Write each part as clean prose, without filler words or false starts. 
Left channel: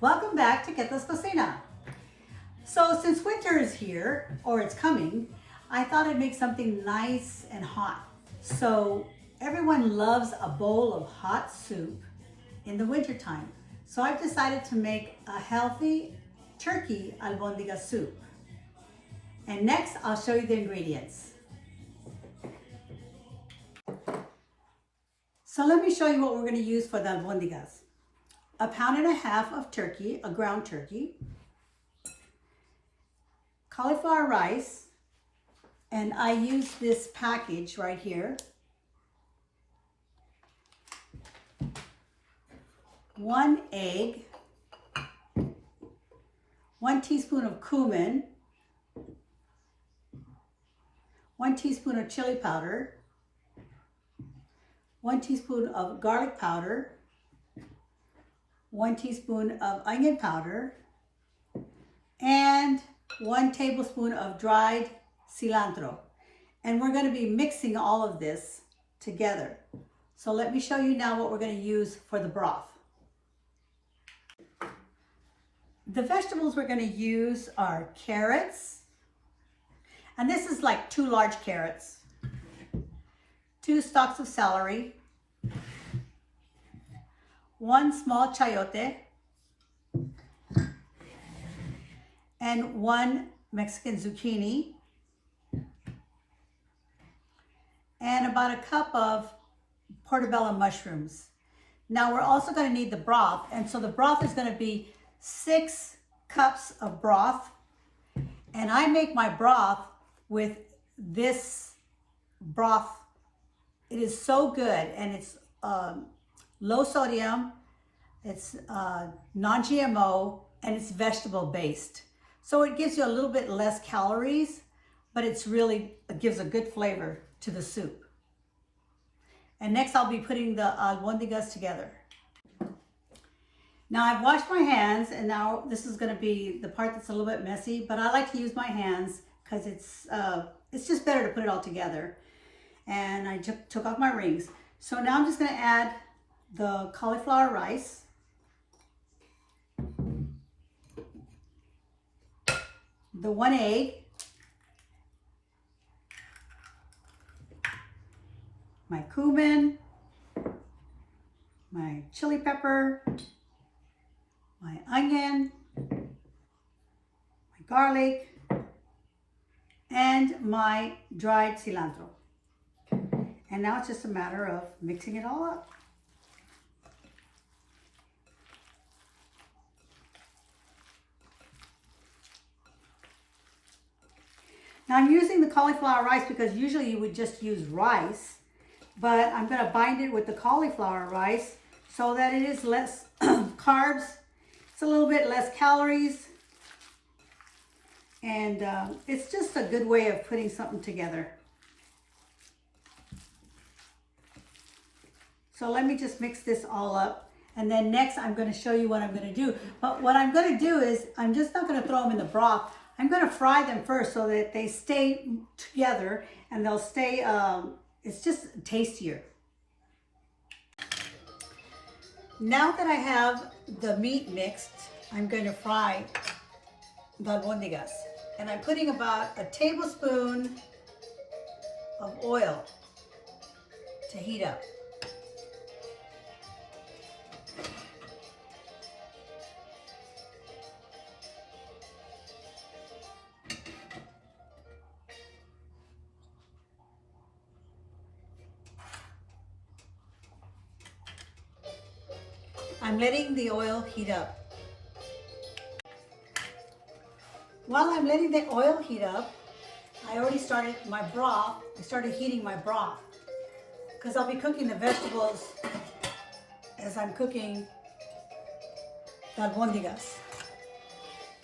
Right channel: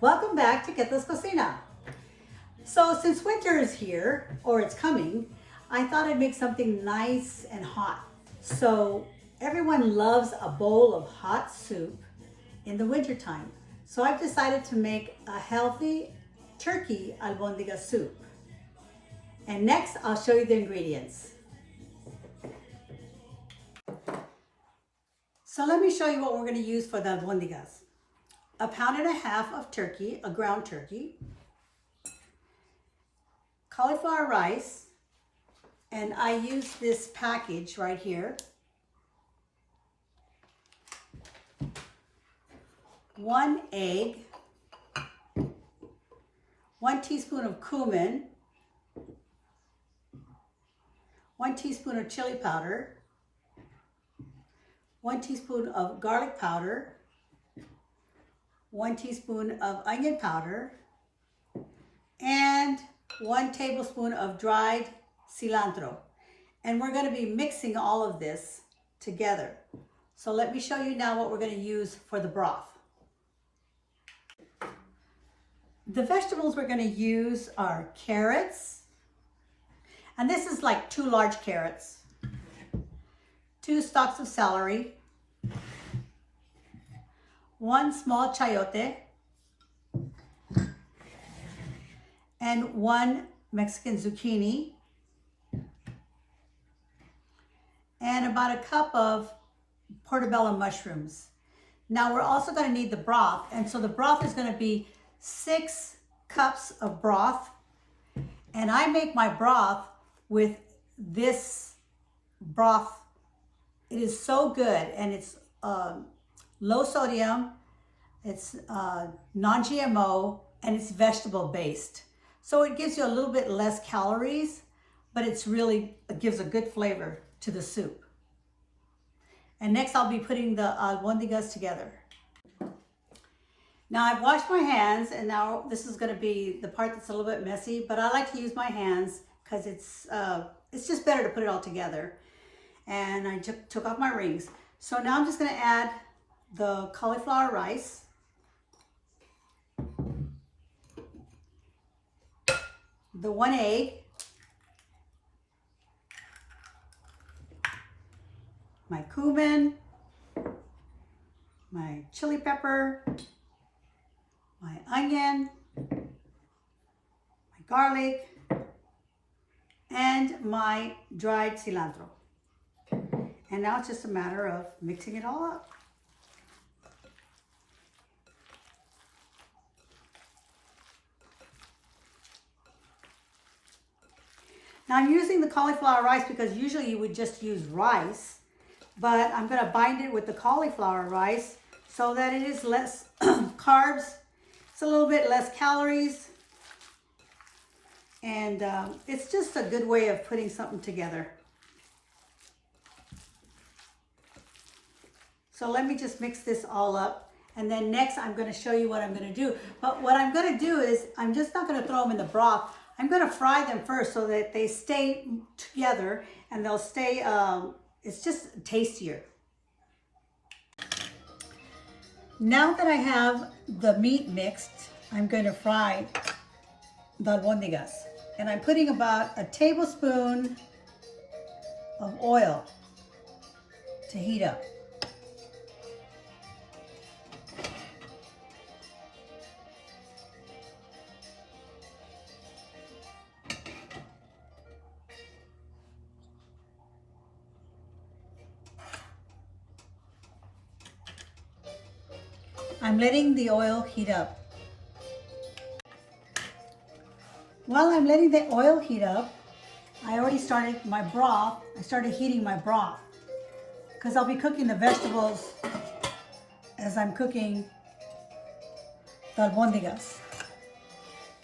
Welcome back to Ketla's Cocina. So since winter is here, or it's coming, I thought I'd make something nice and hot. So everyone loves a bowl of hot soup in the wintertime. So I've decided to make a healthy turkey albondiga soup. And next, I'll show you the ingredients. So let me show you what we're going to use for the albondigas. 1.5 pounds of turkey, a ground turkey, cauliflower rice, and I use this package right here. 1 egg, 1 teaspoon of cumin, 1 teaspoon of chili powder, 1 teaspoon of garlic powder, 1 teaspoon of onion powder, and 1 tablespoon of dried cilantro. And we're going to be mixing all of this together. So let me show you now what we're going to use for the broth. The vegetables we're going to use are carrots, and this is like 2 large carrots, 2 stalks of celery, 1 small chayote, and 1 Mexican zucchini, and about a cup of portobello mushrooms. Now we're also going to need the broth, and so the broth is going to be 6 cups of broth, and I make my broth with this broth. It is so good, and it's low sodium, it's non-GMO, and it's vegetable based. So it gives you a little bit less calories, but it gives a good flavor to the soup. And next I'll be putting the albondigas together. Now I've washed my hands, and now this is going to be the part that's a little bit messy, but I like to use my hands because it's just better to put it all together. And I took off my rings. So now I'm just going to add the cauliflower rice, the 1 egg, my cumin, my chili pepper, my onion, my garlic, and my dried cilantro. And now it's just a matter of mixing it all up. Now I'm using the cauliflower rice because usually you would just use rice, but I'm going to bind it with the cauliflower rice so that it is less carbs. It's a little bit less calories, and it's just a good way of putting something together. So let me just mix this all up, and then next I'm going to show you what I'm going to do. But what I'm going to do is I'm just not going to throw them in the broth. I'm going to fry them first so that they stay together and they'll stay, it's just tastier. Now that I have the meat mixed, I'm going to fry the albondigas. And I'm putting about a tablespoon of oil to heat up. I'm letting the oil heat up. While I'm letting the oil heat up, I already started my broth. I started heating my broth because I'll be cooking the vegetables as I'm cooking the albondigas.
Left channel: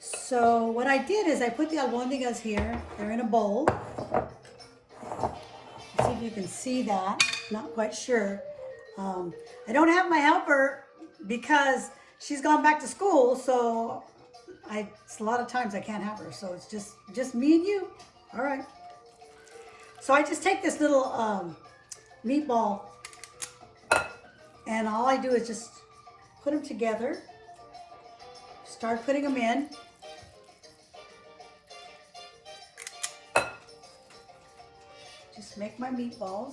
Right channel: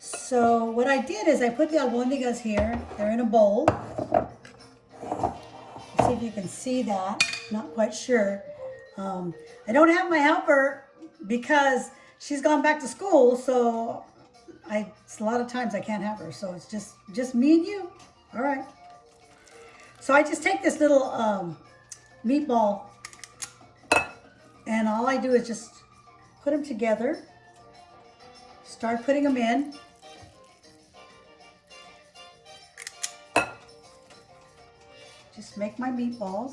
So what I did is I put the albondigas here. They're in a bowl. See if you can see that. Not quite sure. I don't have my helper because she's gone back to school, so it's a lot of times I can't have her, so it's just me and you. All right. So I just take this little meatball, and all I do is just put them together Start putting them in. Just make my meatballs.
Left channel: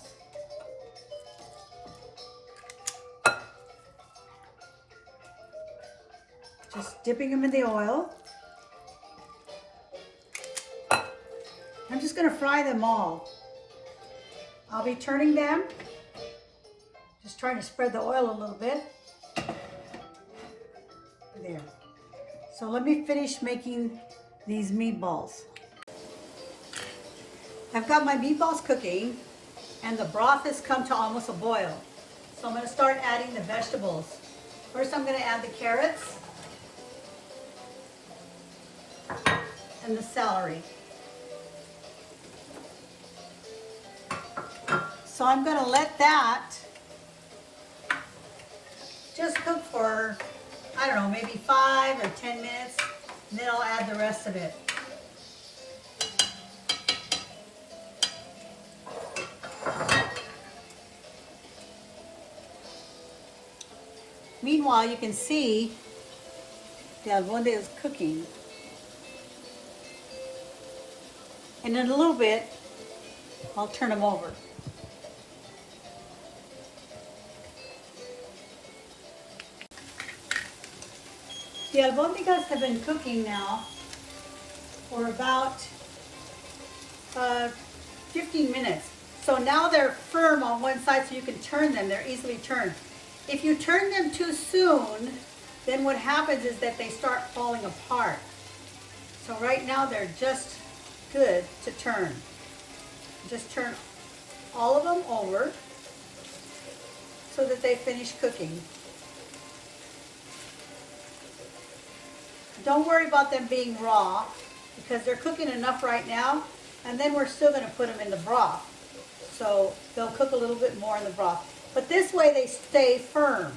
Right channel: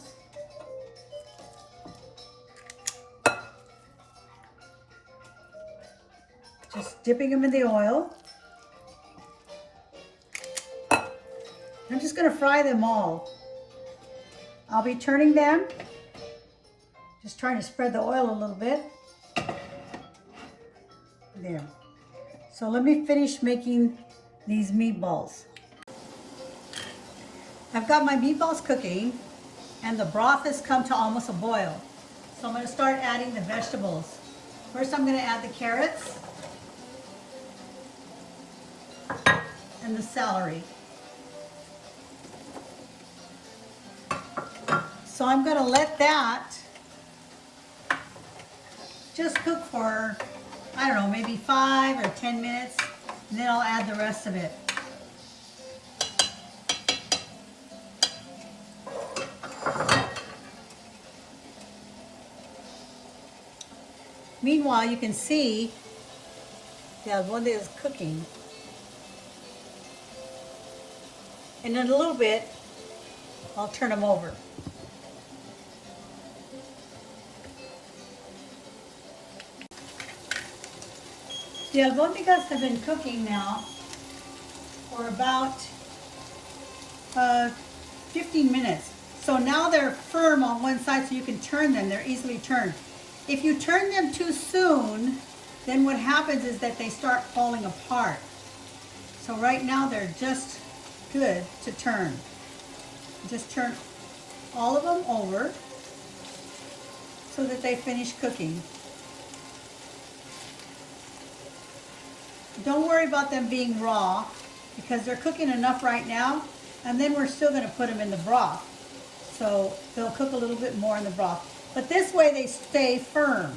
Just dipping them in the oil. I'm just going to fry them all. I'll be turning them. Just trying to spread the oil a little bit. There. So let me finish making these meatballs. I've got my meatballs cooking and the broth has come to almost a boil. So I'm going to start adding the vegetables. First I'm going to add the carrots and the celery. So I'm going to let that just cook for, I don't know, maybe 5 or 10 minutes, and then I'll add the rest of it. Meanwhile, you can see the albondiga is cooking. And in a little bit, I'll turn them over. The albondigas have been cooking now for about 15 minutes. So now they're firm on one side so you can turn them. They're easily turned. If you turn them too soon, then what happens is that they start falling apart. So right now they're just good to turn. Just turn all of them over so that they finish cooking. Don't worry about them being raw because they're cooking enough right now, and then we're still going to put them in the broth. So they'll cook a little bit more in the broth. But this way they stay firm.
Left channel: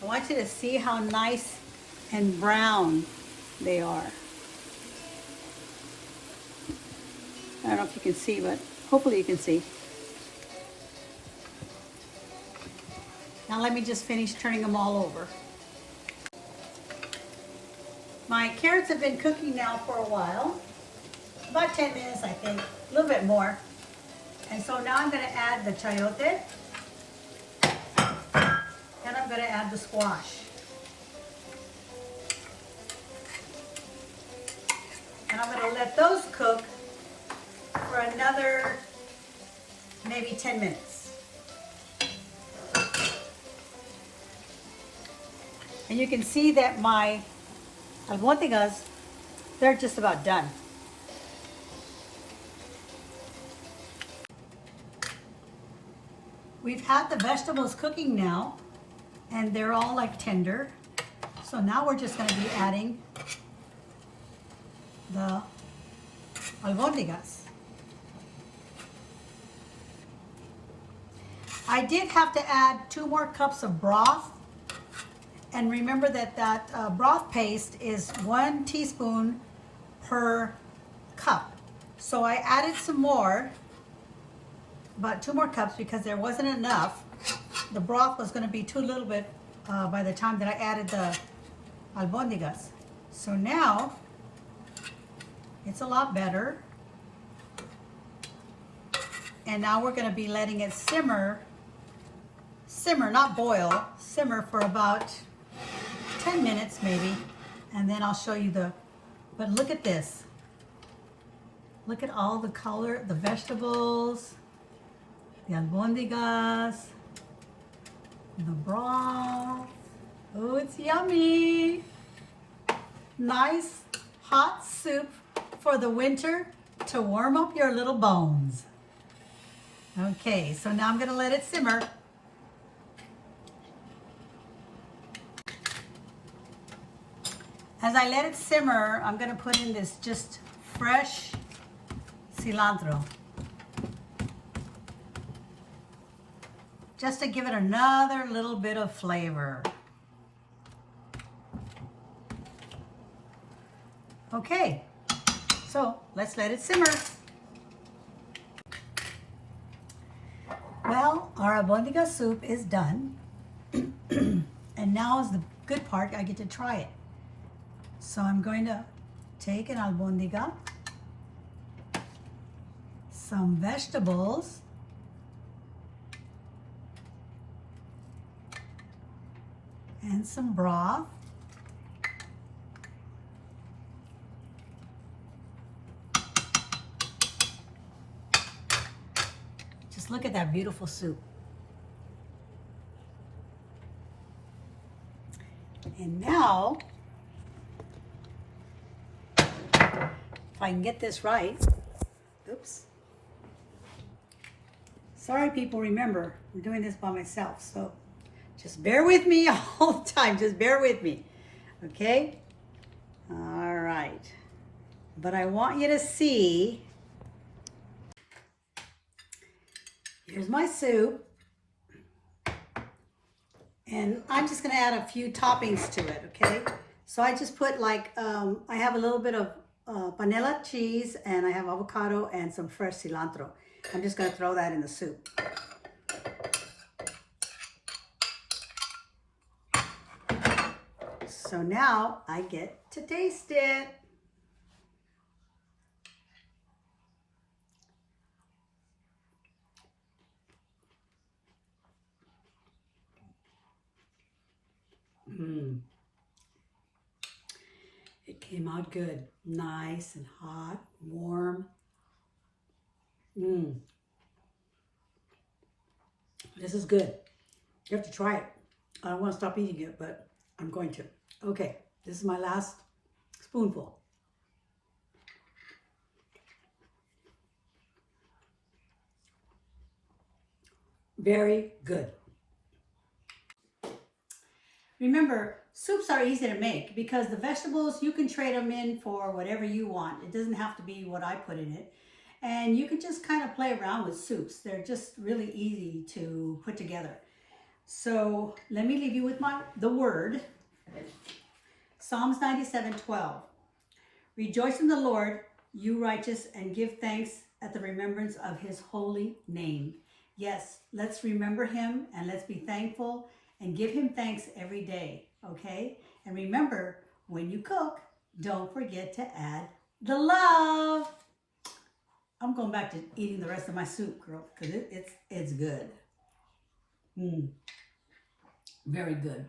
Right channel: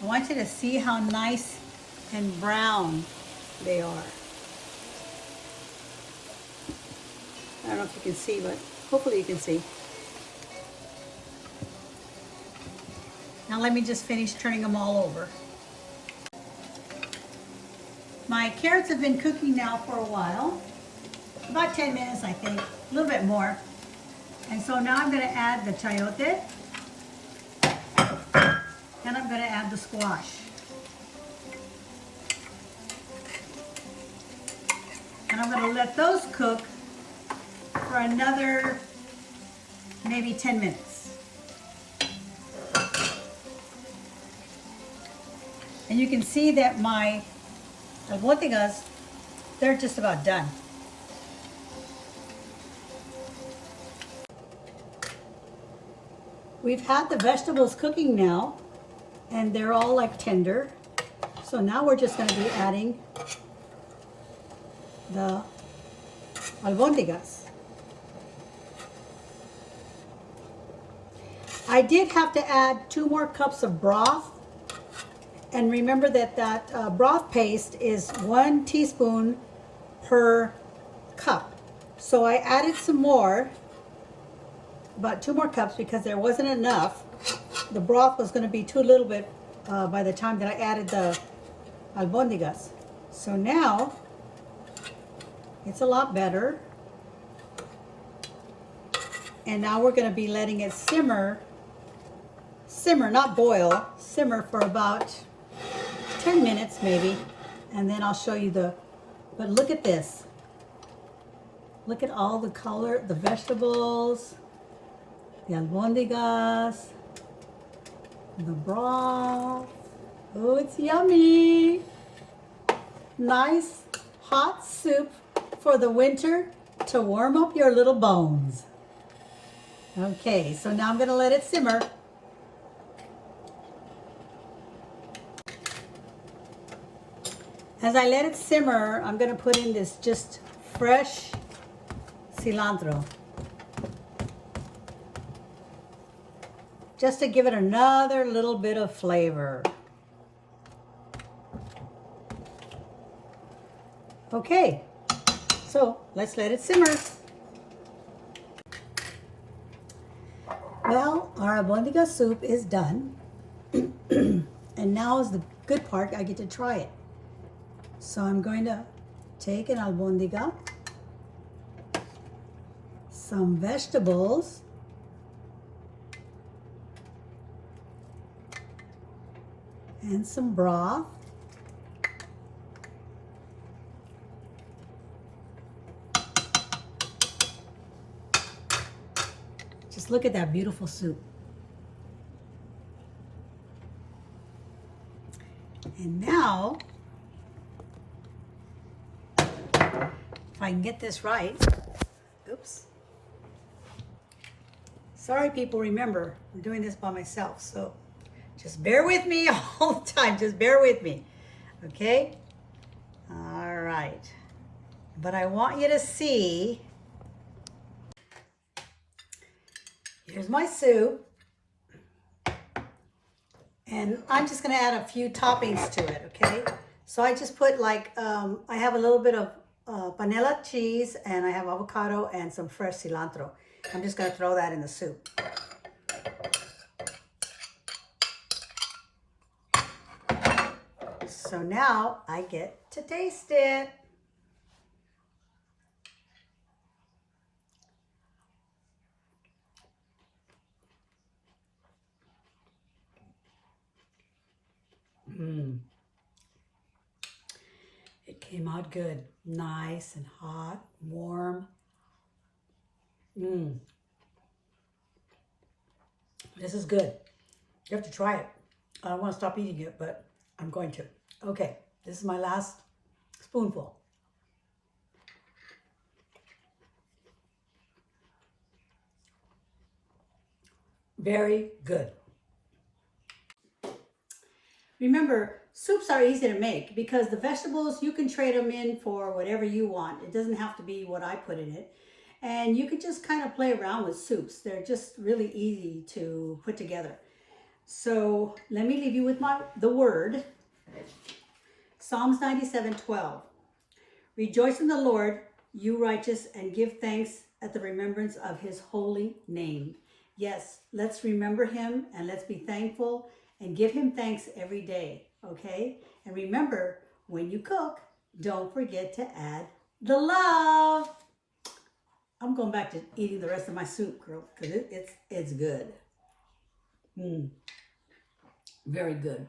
I want you to see how nice and brown they are. I don't know if you can see, but hopefully you can see. Now let me just finish turning them all over. My carrots have been cooking now for a while, about 10 minutes I think, a little bit more. And so now I'm going to add the chayote, and I'm going to add the squash. And I'm going to let those cook for another maybe 10 minutes. And you can see that my albondigas, they're just about done. We've had the vegetables cooking now, and they're all like tender. So now we're just going to be adding the albondigas. I did have to add 2 more cups of broth. And remember that broth paste is 1 teaspoon per cup. So I added some more, about 2 more cups, because there wasn't enough. The broth was going to be too little bit by the time that I added the albondigas. So now it's a lot better. And now we're going to be letting it simmer, not boil, simmer for about 10 minutes maybe, and then I'll show you but look at this. Look at all the color, the vegetables, the albondigas, the broth. Oh, it's yummy. Nice hot soup for the winter to warm up your little bones. Okay, so now I'm going to let it simmer. As I let it simmer, I'm going to put in this just fresh cilantro. Just to give it another little bit of flavor. Okay, so let's let it simmer. Well, our albondiga soup is done. And now is the good part, I get to try it. So I'm going to take an albondiga, some vegetables, and some broth. Just look at that beautiful soup. And now, if I can get this right, oops. Sorry people, remember, I'm doing this by myself, so just bear with me all the time, just bear with me, okay? All right, but I want you to see, here's my soup, and I'm just gonna add a few toppings to it, okay? So I just put like, I have a little bit of panela cheese, and I have avocado and some fresh cilantro. I'm just gonna throw that in the soup. So now I get to taste it. It came out good, nice and hot, warm. This is good. You have to try it. I don't want to stop eating it, but I'm going to. Okay, this is my last spoonful. Very good. Remember, soups are easy to make because the vegetables, you can trade them in for whatever you want. It doesn't have to be what I put in it. And you can just kind of play around with soups. They're just really easy to put together. So let me leave you with the word. Psalms 97:12. Rejoice in the Lord, you righteous, and give thanks at the remembrance of his holy name. Yes, let's remember him and let's be thankful and give him thanks every day, okay? And remember, when you cook, don't forget to add the love. I'm going back to eating the rest of my soup, girl, because it's good. Very good.